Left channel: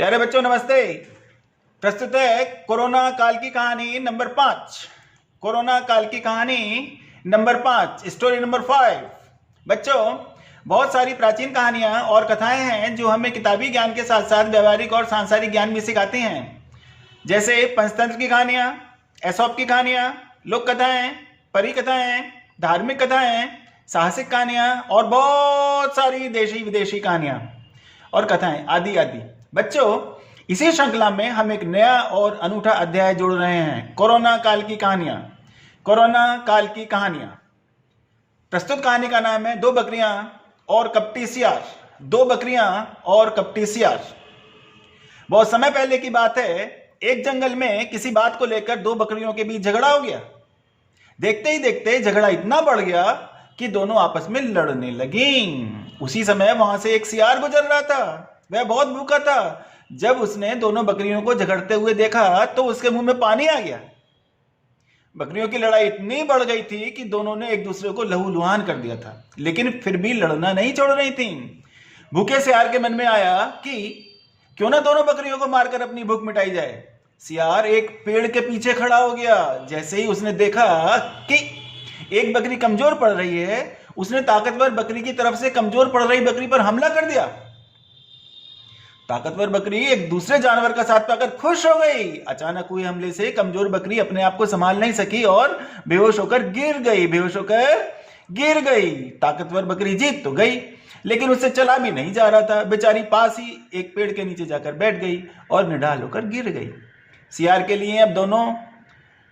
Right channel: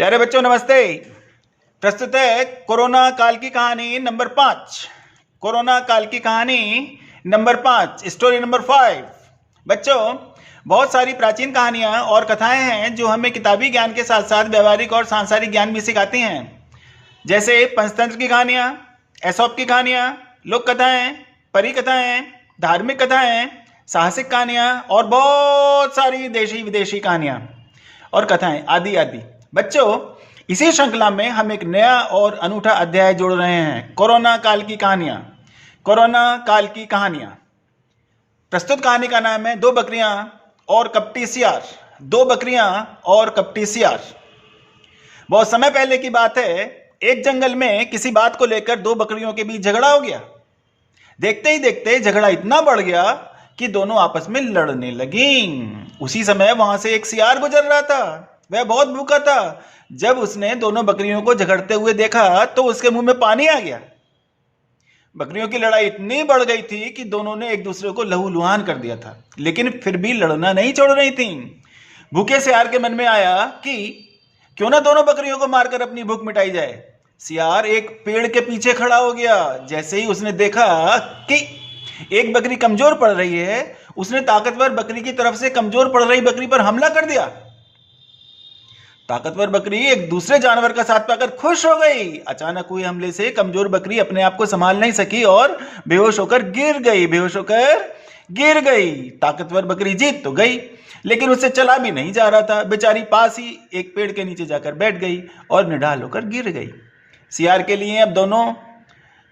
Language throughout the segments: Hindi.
प्यारे बच्चों नमस्ते। प्रस्तुत है कोरोना काल की कहानी नंबर 5। कोरोना काल की कहानी नंबर 5, स्टोरी नंबर 5। बच्चों, बहुत सारी प्राचीन कहानियां और कथाएं हैं जो हमें किताबी ज्ञान के साथ साथ व्यवहारिक और सांसारिक ज्ञान भी सिखाती हैं। जैसे पंचतंत्र की कहानियां, एसोप की कहानियां, लोक कथाएं, परी कथाएं, धार्मिक कथाएं, साहसिक कहानियां और बहुत सारी देशी विदेशी कहानियां और कथाएं आदि आदि। बच्चों, इसी श्रृंखला में हम एक नया और अनूठा अध्याय जोड़ रहे हैं, कोरोना काल की कहानियां। कोरोना काल की कहानियां। प्रस्तुत कहानी का नाम है दो बकरियां और कपटी सियार। दो बकरियां और कपटी सियार। बहुत समय पहले की बात है, एक जंगल में किसी बात को लेकर दो बकरियों के बीच झगड़ा हो गया। देखते ही देखते झगड़ा इतना बढ़ गया कि दोनों आपस में लड़ने लगी। उसी समय वहां से एक सियार गुजर रहा था। वह बहुत भूखा था। जब उसने दोनों बकरियों को झगड़ते हुए देखा तो उसके मुंह में पानी आ गया। बकरियों की लड़ाई इतनी बढ़ गई थी कि दोनों ने एक दूसरे को लहूलुहान कर दिया था, लेकिन फिर भी लड़ना नहीं छोड़ रही थी। भूखे सियार के मन में आया कि क्यों ना दोनों बकरियों को मारकर अपनी भूख मिटाई जाए। सियार एक पेड़ के पीछे खड़ा हो गया। जैसे ही उसने देखा कि एक बकरी कमजोर पड़ रही है, उसने ताकतवर बकरी की तरफ से कमजोर पड़ रही बकरी पर हमला कर दिया। ताकतवर बकरी एक दूसरे जानवर का साथ पाकर खुश हो गई। अचानक हुए हमले से कमजोर बकरी अपने आप को संभाल नहीं सकी और बेहोश होकर गिर गई। ताकतवर बकरी जीत तो गई, लेकिन उससे चला भी नहीं जा रहा था। बेचारी पास ही एक पेड़ के नीचे जाकर बैठ गई और निढाल होकर गिर गई। सियार के लिए अब दोनों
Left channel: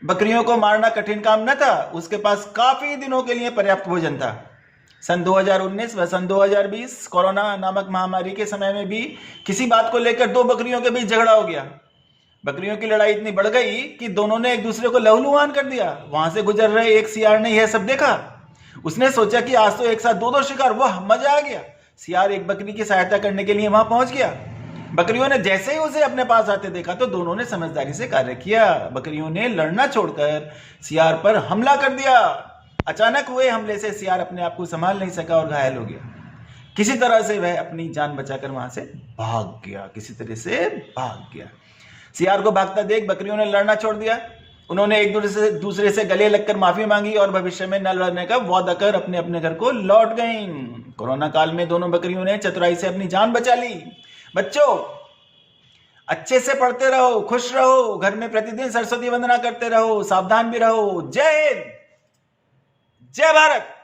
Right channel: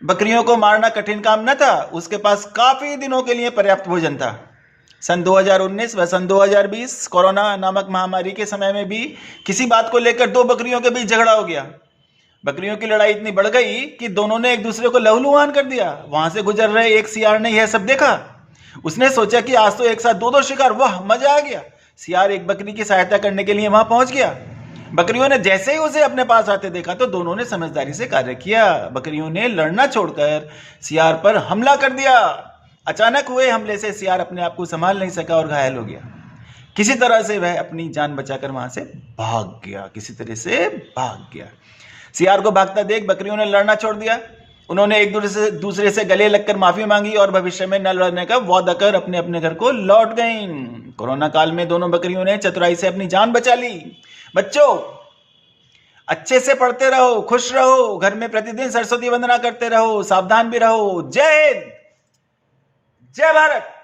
बकरियों को मारना कठिन काम न था। उसके पास काफी दिनों के लिए पर्याप्त भोजन था। सन 2019 व सन 2020 कोरोना नामक महामारी के समय में भी किसी बात को लेकर दो बकरियों के बीच झगड़ा हो गया। बकरियों की लड़ाई इतनी बढ़ गई कि दोनों ने एक दूसरे को लहूलुहान कर दिया। वहां से गुजर रहे एक सियार ने यह सब देखा। उसने सोचा कि आज तो एक साथ दो शिकार, वाह मजा आ गया। सियार एक बकरी की सहायता करने के लिए वहां पहुंच गया। बकरियों ने जैसे ही उसे अपने पास आते देखा तो दोनों ने समझदारी से कार्य किया। बकरियों ने लड़ना छोड़कर सियार पर हमला कर दिया। अचानक हुए हमले से सियार अपने आप को संभाल नहीं सका और घायल हो गया। किसी तरह से वह अपनी जान बचाकर वहां से भाग गया। सियार को भागता देख बकरियों ने लड़ना छोड़ दिया। उन्होंने एक दूसरे से गले लगकर माफी मांगी और भविष्य में न लड़ने का वादा कर अपने अपने घर को लौट गईं। कोरोना काल में दोनों बकरियों ने चतुराई से अपनी जान बचा ली। बच्चों, अच्छे से पढ़ते रहो, खुश रहो, घर में प्रतिदिन सरस्वती वंदना करते रहो, सावधान भी रहो। जय हिंद, जय भारत।